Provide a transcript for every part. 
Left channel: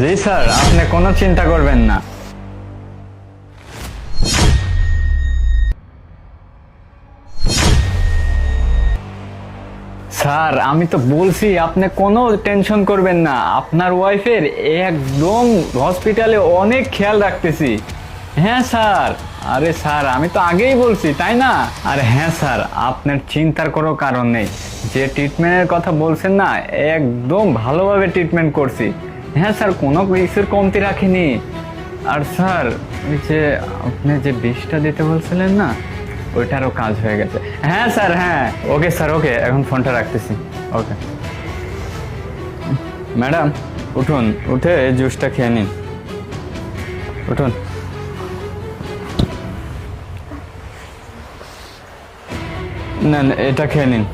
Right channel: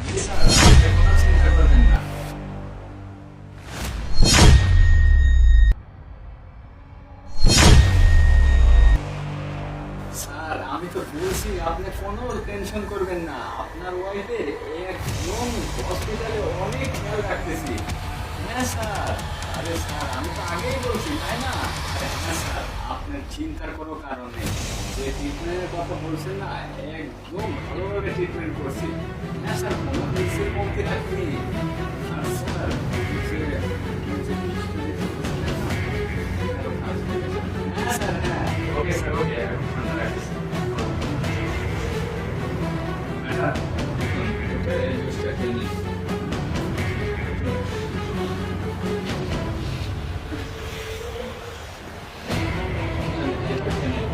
জি sir, আপনি কোনো চিন্তা করবেন না। স্যার আমি তো বলছি আপনি কোনো টেনশন করবেন না, আপনার ওয়াইফের একদম হসপিটালে অনেক খেয়াল রাখতেছি। হ্যাঁ স্যার। আরে স্যার আমি তো আগেই বলছি তাই না? আরে হ্যাঁ স্যার, আপনার চিন্তার কোনো কারণ নেই। যে ট্রিটমেন্টের কথা বলছেন না, একদম ভালোভাবে ট্রিটমেন্ট করছি। হ্যাঁ স্যার, কোনো কিছুর কমতি রাখিনি। আর স্যার ওই যে আপনি যে বিষটা দিতে বলছিলেন না, ওইটারও কাজ হয়ে গেছে। হ্যাঁ স্যার, হ্যাঁ ওকে স্যার, ওকে এখন ফোনটা রাখতেছি। ওকে ম্যাডাম, উঠুন, উঠে জুসটা খেয়ে নিন। উঠুন। না না, এটা খেয়ে নিন।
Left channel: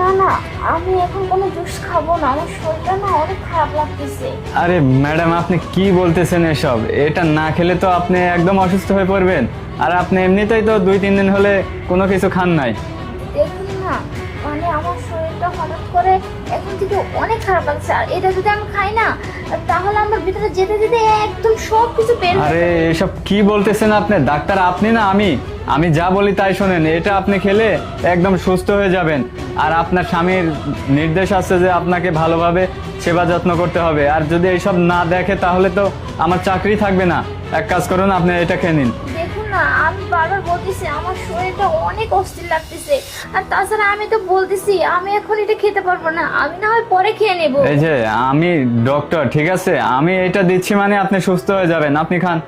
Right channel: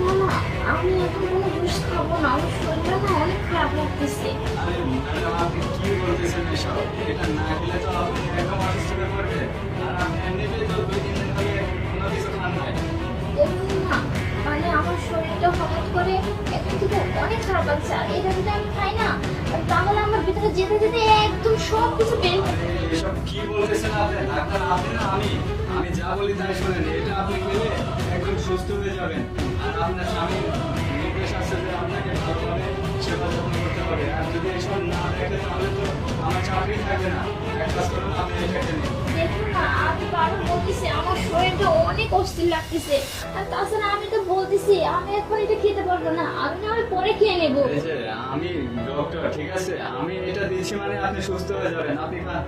না না, আমি এখন কোনো জুস খাবো না, আমার শরীরটা না অনেক খারাপ লাগতেছে। আরে ম্যাডাম, আপনি কি বলতেছেন এসব? এটা না খেলে তো আপনি একদম অসুস্থ হয়ে পড়বেন। আর আপনি এমনিতেই তো 2-3 দিন হলে কোনো কিছু খান নাই। দেখুন না, মানে আমার শরীরটা হঠাৎ করে এখন থেকে অনেক খারাপ লাগছে, আর এটা যদি আমি খাই না তাহলে আমার ভিতরে যেতে যেতে একদম সব কিছু বের হয়ে আরে যাবে। এসব কি বলতেছেন আপনি? ডাক্তার আপনি না আমি? আমি যা বলি তাই শোনেন। এটা আপনি খেলে একদম সুস্থ হয়ে যাবেন। আর আপনার স্বামীর নির্দেশ আছে যে আপনাকে ভালোভাবে সেবা যত্ন করতে হবে। আর যদি এইসব না দেখে তাহলে তো আমার চাকরি থাকবে না। এক কাজ করুন, আপনি এটা খেয়ে নিন। দেখুন না, আমি বারবার বলতেছি আমার শরীরটা অনেক অস্থির লাগতেছে, আর তাছাড়া আমি তো বলতেছি আমি এখন এটা খেতে পারবো না, আমি না হয় পরে খেয়ে নেবো। এই যে আমি ডক্টর, ঠিক আছে? আমি এটা দিচ্ছি মানে আপনি সুস্থ হয়ে যাবেন। আপনি খান।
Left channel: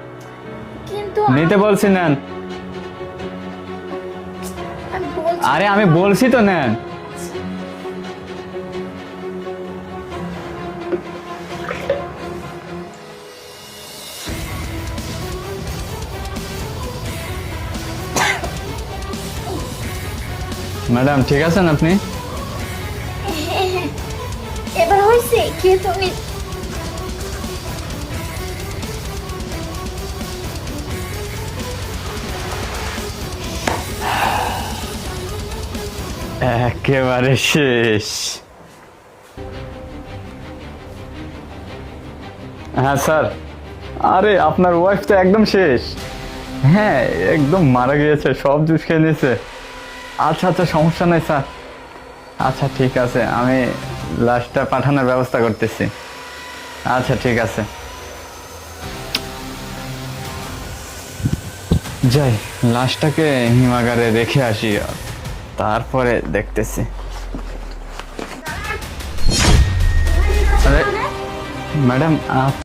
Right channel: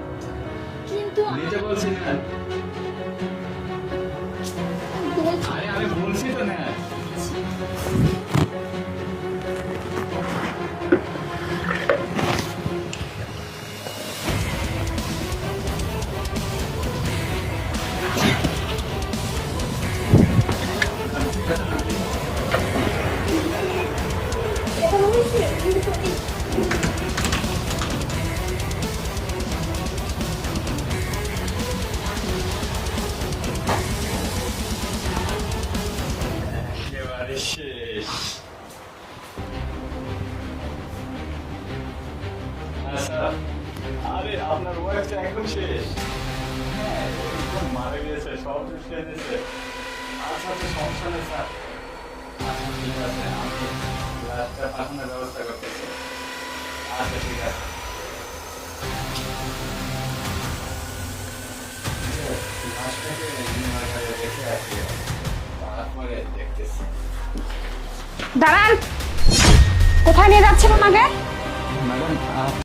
কিন্তু নিতে বলছি নেন। আমি বলছি আরে আমি বলছি তো নেন। ম্যাডাম ঠিক আছেন আপনি? এবার হয়েছে কি তুমি? একেবারে শেষ। হ্যাঁ স্যার। আরে আপনার ওয়াইফ তো একদম শেষ। হ্যাঁ, একদম মারা গিয়েছে, সব জুস খেয়ে নিয়েছে। আচ্ছা আচ্ছা, সমস্যা নাই স্যার। আচ্ছা ঠিক আছে, আমি লাশটা পাঠানোর ব্যবস্থা করতেছি। আচ্ছা ঠিক আছে, যাই লাশটাকে হিমাগারে রেখে আসি, তারপরে দেখতেছি। দাঁড়ান, কোথায় নিয়ে যাচ্ছেন আমাকে? ম্যাডাম